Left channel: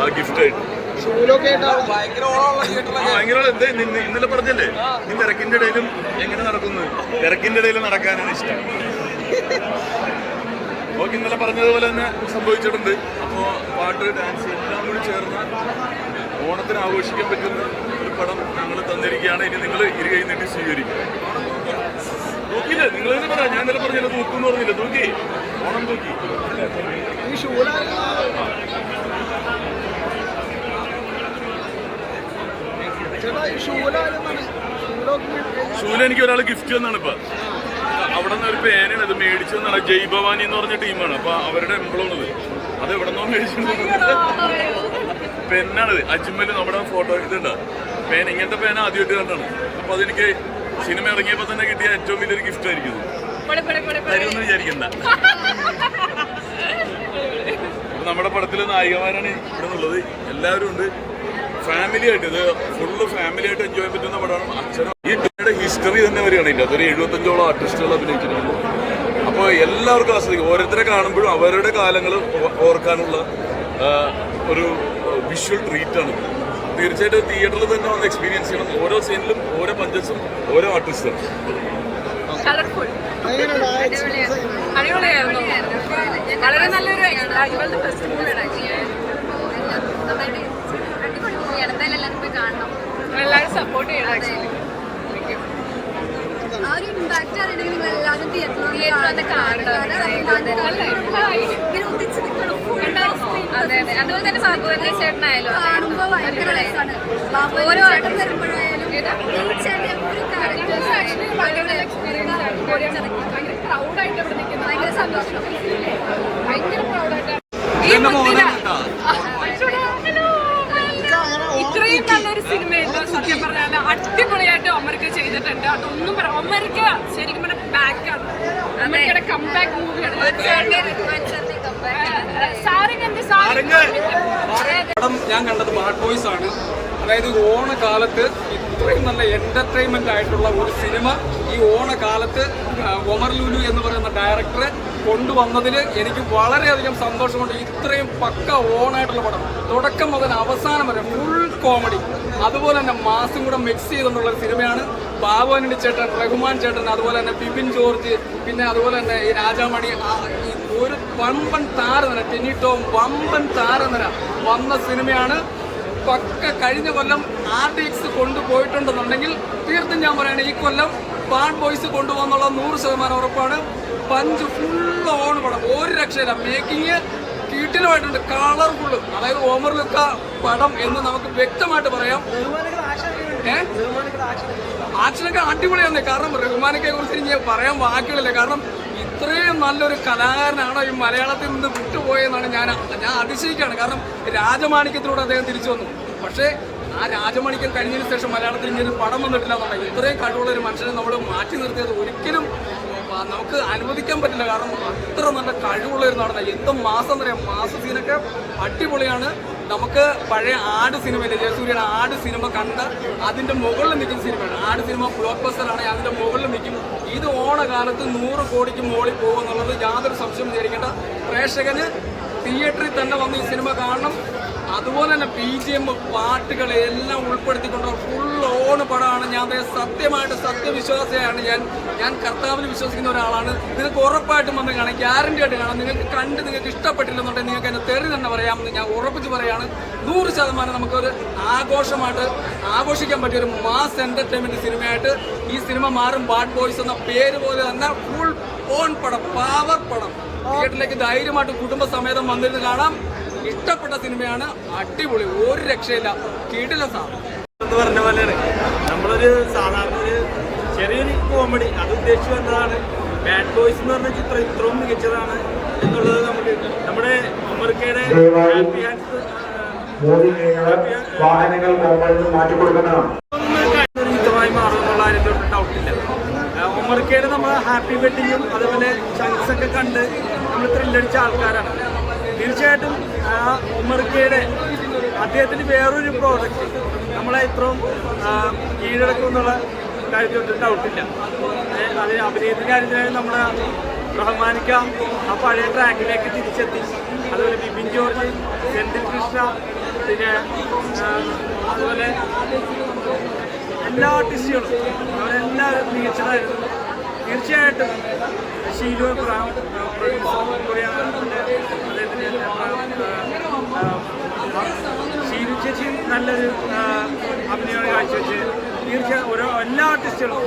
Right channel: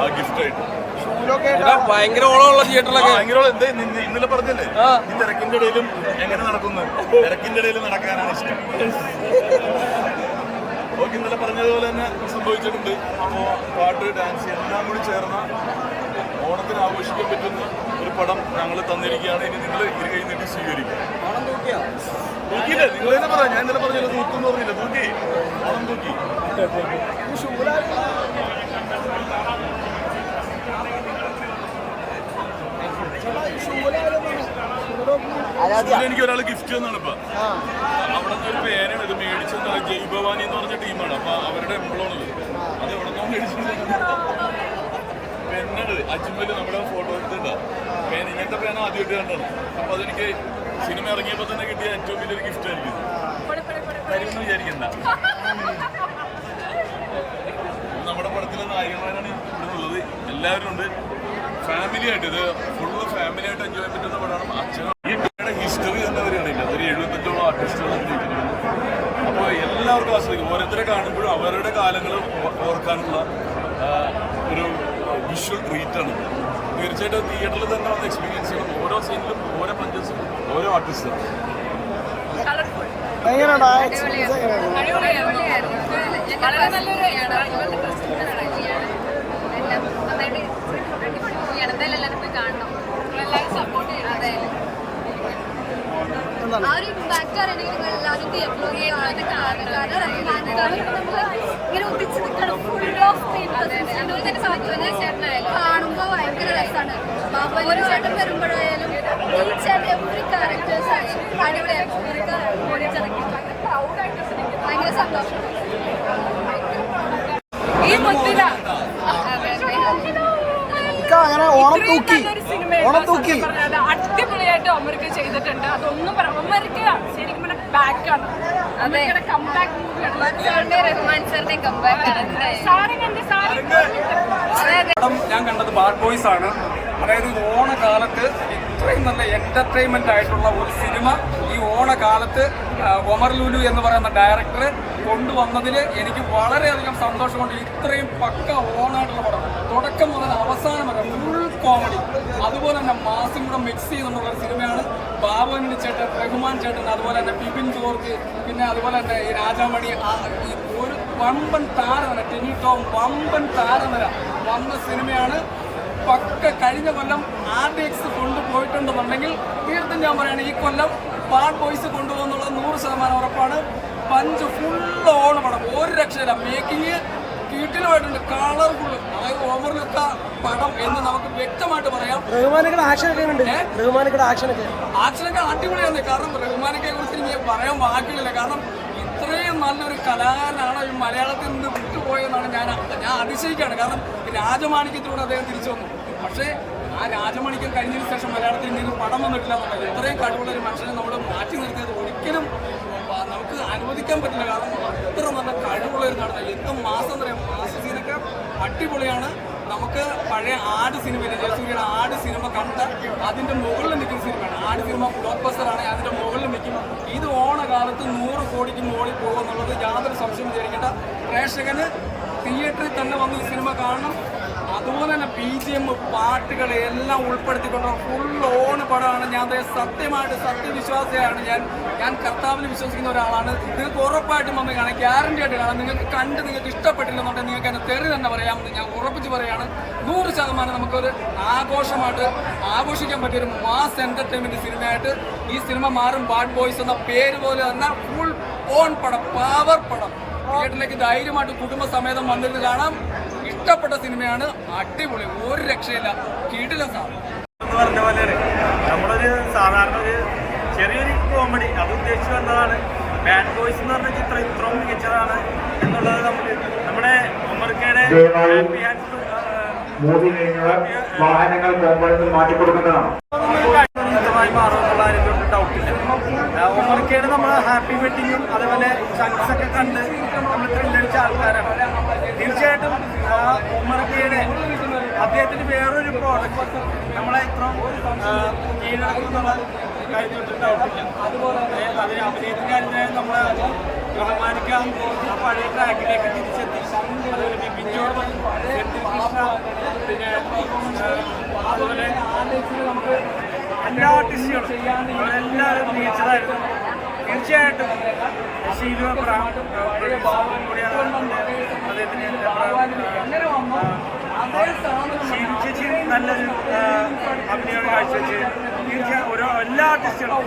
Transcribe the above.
ആ ഗിഫ്റ്റായിട്ട്. ഇന്നലെ പറഞ്ഞല്ലേ ഈ തിരക്കിന്റെ ഇടയിലും എങ്ങനെ നടക്കുന്നു, തിരക്കിന്റെ ഇടയിൽ നടക്കാനാണ് ഇഷ്ടം. ഓക്കെ, ഇന്നലെ പറഞ്ഞതുപോലെ തന്നെ സംഭവിച്ചിട്ടുണ്ട്. അപ്പോൾ പാട്ട്, ഡാൻസ് എല്ലാം കൂടി ചേർന്ന ഓണത്തിന് ആഘോഷിക്കാൻ പറ്റുന്ന ഒരു പടം ഞങ്ങൾ തന്നിരിക്കുകയാണ്. ഇനി നിങ്ങൾ ഇരുകൈ നീട്ടി സ്വീകരിക്കുക. തൂക്കിയില്ലേ? നിങ്ങൾ തന്നെ പറയാം. ഞാൻ ഇന്നലെ പറഞ്ഞില്ല തൂക്കുന്ന് പറഞ്ഞില്ല. തൂക്കി, ഓണം തൂക്കി. ഷൂല എനിക്ക് ഒരാൾ ഗിഫ്റ്റ് തന്നാണ് ഇപ്പൊ. അവിടെ നിന്ന് ഒരു പേനാണ് ഇത് മേടിച്ചെന്നാണ്. ജയ് ഭവാനി എന്ന് പറഞ്ഞ ടീമാണ്. അപ്പൊ അവരുടെ എംബ്ലമാണിത്. അത് എവിടെ നിന്നോ മേടിച്ചിട്ടുണ്ട്. പെന്നാണിത്. അജ്മല് നമ്മുടെ ഫോട്ടോ ഇതുണ്ട്. പേന, ഇങ്ങനത്തെ പേന ആദ്യമായിട്ട് കണ്ടാണ്. അപ്പൊ അതെനിക്ക് സിനിമ ഇറങ്ങിയപ്പോ തന്നെ കിട്ടിയ ഏറ്റവും വലിയൊരു ഗിഫ്റ്റ് ആയിരിക്കും. തരുമെന്ന് വിചാരിക്കണ്ട. നമ്മുടെ പടത്തിലെ നായികമാരാണ് ഇവിടെ നിന്നുള്ളത്. എല്ലാവരും ഉണ്ട്. ഫാമിലി ആയിട്ട്, ഇത് ഫുള്ള് ഫാമിലി ആയിട്ട് എൻജോയ് ചെയ്യാൻ പറ്റുന്ന പടമാണ്. അച്ഛനും ഈ ടീമിന്റെ ഹിസ്റ്ററി തന്നെ വരികയാണ്. അതൊരു 75ഓളം ആർട്ടിസ്റ്റുകൾ അഭിനയിച്ചിരിക്കുന്നു. അപ്പോൾ എല്ലാവർക്കും ആസ്വദിക്കും. ഓരോരുത്തരെ കാണുമ്പോഴും അവരുടെ കാലങ്ങൾ ഓർക്കാനുള്ള ഒരു വിഷ്വൽ ട്രീറ്റാണ്. തീർച്ചയായിട്ടും തിയേറ്ററിൽ തന്നെ വന്ന് എക്സ്പീരിയൻസ് ചെയ്യണം. ഓരോ സീനിലും ഓരോ പഞ്ചസും ഓരോ ആർട്ടിസ്റ്റാണ്. അടിപൊളിയായിരുന്നു. വളരെ നല്ലൊരു ഇവളുടെ ഫെസ്റ്റിവൽ എല്ലാവരും പോയി കാണണം. എല്ലാവരും സപ്പോർട്ട് ചെയ്യണം. ആ ഒരു ഇമ്പാക്ട് അറിയണമെങ്കിൽ നിങ്ങൾ എല്ലാവരും തിയേറ്ററിൽ അതുപോലെ തന്നെ സൗകര്യ ചേട്ടനായാലും കാണുമ്പോൾ ഭയങ്കര രസമാണ്. ഓരോ ചേട്ടൻ വരുമ്പോഴായാലും എവറി ക്യാരക്ടേഴ്സ് ഭയങ്കര സന്തോഷം. ഇത്രയും നല്ലൊരു സിനിമ സത്യം പറഞ്ഞാൽ അടിപൊളിയായിട്ട് ഒമർക്ക് ചെയ്തിട്ടുണ്ട്. അതൊന്നും പറയാം. ഒമർക്ക് ശരിക്കും പറഞ്ഞാൽ ബാക്കാണ്. ഒമർക്കയുടെ കംബാക്ക് മൂവിയാണ്. പടം ഞാൻ കണ്ടത് ബാഡ് ബോയ്സ് ആണ്. അതായത് ഓണക്കാലത്ത് ഇത്രയും നല്ല എന്റർടൈൻമെന്റ് ആയിട്ടുള്ള ഒരു സിനിമ ഈ ഓണക്കാലത്ത് ഒമർ ലുലു എന്ന് പറയുന്ന ഡയറക്ടർ കൊണ്ടുവന്നതിൽ എനിക്ക് വളരെയധികം സന്തോഷമുണ്ട്. ഇത്രയും പക്ക ഓണായിട്ടുള്ള പടം തുടക്കം മുതൽ അവസാനം വരെ ഫുൾ കോമഡി, അതുപോലെ തന്നെ മാസും കൂടെ മിക്സ് ചെയ്തുകൊണ്ടുള്ള ഒരു സിനിമയാണ്. ബാബുവിന്റെ ചേട്ടൻ, റഹ്മാൻ ചേട്ടൻ, അതുപോലെ തന്നെ ബിപിൻ ജോർജ്, പിന്നെ അതുപോലെ തന്നെ ഈ രാജാമണി, ഒരു വമ്പൻ താരനിര, ടെനി ടോം വമ്പൻ താരനിര വന്ന സിനിമയാണ്. പക്ക കഴിഞ്ഞ കൊല്ലം RDX കൊണ്ടുപോയിട്ടുണ്ടെന്നുണ്ടെങ്കിൽ തീർത്തും ഞാൻ പറയുകയാണ് ഈ കൊല്ലം ബാഡ് ബോയ്സ് കൊണ്ടുപോകുന്നുള്ള 100% ഉറപ്പാണ്. പഞ്ച് ഫുള്ള് ഓണ് പടം, ഒരു രക്ഷയില്ല. മേക്കിങ് കീട്ടിലുമായിട്ടുണ്ട്, കളർഫുള്ള്. അതായത് ഓമർ ലുക്ക പടം എന്ന് നമുക്ക് വ്യക്തമായിട്ട് പറയാം. ആക്ഷനൊക്കെ അടിപൊളിയാണ്. കാരണം റഹ്മാനൊക്കെ കുറിച്ച് എനിക്ക് പറയാൻ വാക്കുകളില്ല. കാരണം ഇത്രയും നല്ലൊരു കലാകാരനാണോ ഈ മലയാളത്തിൽ നിന്ന് വിട്ടുപോയെന്നാണ് ഞാൻ അതിശയിക്കുകയാണ്. കാരണം രാജമാണിക്യത്തിലൂടെ അദ്ദേഹം തിരിച്ചു വന്നു. പക്ഷേ ആ രാജമാണിക്യം കഴിഞ്ഞതിന് ശേഷം മലയാളത്തിൽ ഇങ്ങനെ പടം വന്നിട്ടില്ല എന്നുണ്ടെങ്കിൽ ഇത്രയും കഴിവുള്ള ഒരു മനുഷ്യനെ നമ്മൾ മാറ്റി നിർത്തിയത് ഒരിക്കലും നമുക്ക് അനുവദിക്കാൻ പറ്റില്ല. കാരണം അത്ര നല്ല കഴിവുള്ള ഒരു നടന്ന എന്തും മാസം എന്ന് പറയാം. മാസ സീനൊക്കെ അടിപൊളിയാണ്. നമുക്ക് പഴയ ആട് സിനിമയിലെ ജയസൂര്യയുടെ ആട് സിനിമ കണ്ട് അതിന്റെ മുകളിൽ നിൽക്കുന്ന സിനിമയാണ്. ആട് സിനിമ ബ്ലോക്ക് ബസ്റ്ററാണ്, അതിന്റെ മുകളിൽ നിൽക്കും. ഇത് ഓണകാലത്ത് 100 കോടിക്ക് മുകളിൽ പോകുമെന്നുള്ളത് യാതൊരു സംശയം വിചാരിക്കേണ്ട. പ്രേക്ഷകന് തിയേറ്ററിൽ തന്നെ വന്ന് ഈ സിനിമ കാണണം. അതുപോലെ തന്നെ BGM, പാട്ടുകൾ എല്ലാം ഉൾപ്പെടുത്തിക്കൊണ്ടുള്ള ഫുൾ ഓൺ പടമാണ്. ഞാൻ സത്യമായിട്ട് സത്യവിശ്വാസിയാണ്. ഞാൻ കർത്താവിൽ വിശ്വസിക്കുന്ന ഒരാളാണ്. നിങ്ങൾക്ക് ഉറപ്പായിട്ടും വന്ന് കാണാം, ഗ്യാരണ്ടി ആയിട്ട് കാണാം. നിങ്ങൾക്ക് കണ്ട് നിങ്ങൾക്ക് ഇഷ്ടപ്പെട്ടില്ലെന്നുണ്ടെങ്കിൽ നിങ്ങൾക്ക് എന്നെ തെറി തന്നെ പറയാമെന്ന് ഞാൻ ഉറപ്പിച്ച് പറയുകയാണ്. 100% നമുക്കൊരു ആഘോഷമായിട്ട് ആഘോഷിക്കാൻ പറ്റിയ ഒരു മാസ് എന്റർടൈൻമെന്റ് സിനിമയായിട്ട് ഈ സിനിമ മാറും. ബാഡ് ബോയ്സ് എന്ന പേര് പോലെ തന്നെ ഫുൾ ഓൺ പടം, പവർ പടം. തിയേറ്ററിലേക്ക് ധൈര്യമായിട്ട് കുടുംബസമേതം വന്നിരുന്ന് കാണാം. ഇഷ്ടപ്പെട്ട സിനിമയാണ്, അടിപൊളി, ഒരു രക്ഷയില്ല, കിടിലൻ സാധനം എന്ന് പറഞ്ഞ പോലെയാണ്. നമ്മളൊരു സാധാരണ ഒരു ചെറിയൊരു കോമഡി അത് ഉദ്ദേശിച്ചു വന്നതാണ്. ബാഡ് ബോയ്സ് എന്ന് പറഞ്ഞ ചിത്രം ഇത്രയും മികച്ചതാണ് എന്നുള്ളത് നമുക്ക് നമ്മുടെ ഒമർക്കയുടെ ഹാപ്പി ഹാൻഡ്സ് ചിത്രമായി മാറുമെന്നുള്ള അതിനൊരു ഡൗട്ടില്ല. ഒമർക്കയുടെ നമ്മൾ ഹാപ്പി വെഡിങ്ങും അതുപോലെ ചങ്ക്സ് ഒക്കെ കണ്ട് നമ്മൾ ത്രില്ലടിച്ച ആൾക്കാരാണ്. തീർച്ചയായിട്ടും ഒമർക്കയുടെ അദ്ദേഹത്തിന് വേറൊരു പ്രോഡക്റ്റ് നമ്മളെ ഇത്രയും കീഴടക്കുമെന്നുള്ള കാര്യത്തിൽ ഡൗട്ടില്ല. അത് അഭിനയത്തിൻ്റെ കാര്യത്തിലായാലും നമ്മുടെ റഹ്മാനിക്ക ആ പഴയ ട്രാക്കിലേക്ക് തിരിച്ചെത്തി. അതുപോലെ ബിപിൻ ജോർജ്, സെന്തിൽ കൃഷ്ണ, പിന്നെ അതുപോലെ എല്ലാ ആർട്ടിസ്റ്റുകളും അവരെല്ലാവരും മികച്ചതായിരുന്നു. തീർച്ചയായിട്ടും ഷീലു എബ്രഹാം പ്രൊഡ്യൂസർ കൂടിയാണ്, അദ്ദേഹത്തിന് എബ്രഹാം ഷീലു ചേച്ചിയും നല്ലൊരു അഭിനയമാണ് കാഴ്ചവെച്ച്. തീർച്ചയായും എല്ലാ ആർട്ടിസ്റ്റുകളും